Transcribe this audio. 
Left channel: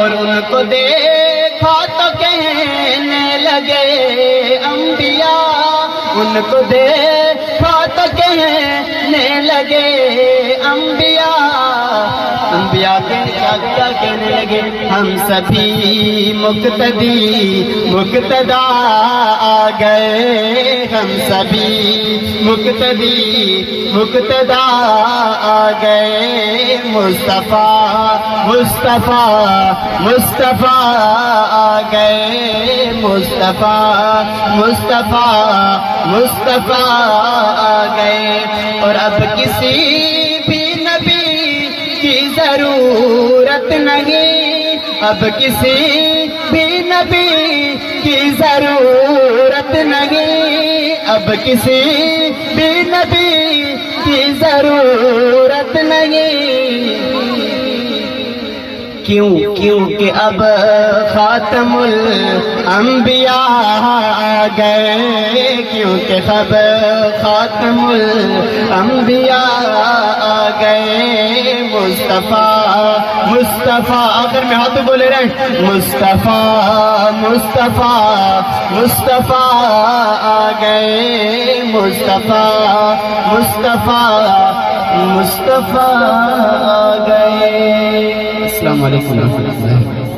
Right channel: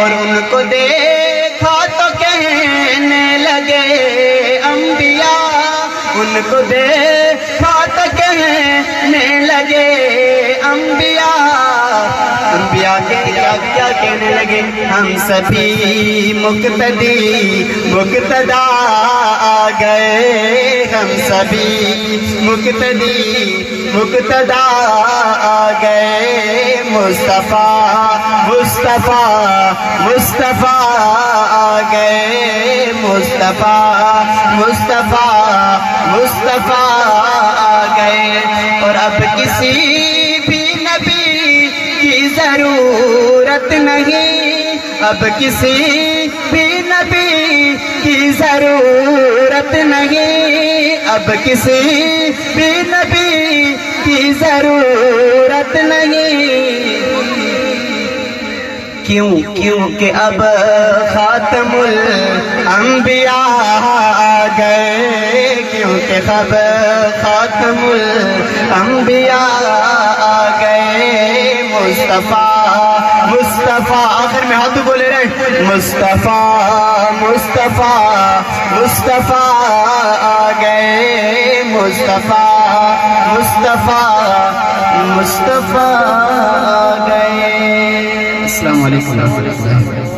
اور ان کو دیکھا تو کہنے لگے انبیاء، ان کو دیکھا تو کہنے لگے انبیاء، انبیاء کیا کہنے لگے، ہم سبھی مقتدی مقتدا آ گئے، ہم سبھی مقتدی مقتدا آ گئے، مصطفیٰ مصطفیٰ مصطفیٰ آ گئے، مصطفیٰ مصطفیٰ مصطفیٰ آ گئے، اور اب کسی بھی نبی کی ضرورت نہیں، اب کسی بھی نبی کی ضرورت نہیں، اب کسی بھی نبی کی ضرورت نہیں، کیونکہ اب خاتم الانبیاء آ گئے، کیونکہ اب خاتم الانبیاء آ گئے، مصطفیٰ مصطفیٰ، آخر میں ہاتھوں بولے رہے، مصطفیٰ مصطفیٰ مصطفیٰ آ گئے، مصطفیٰ مصطفیٰ مصطفیٰ آ گئے۔ السلام علیکم ورحمۃ اللہ۔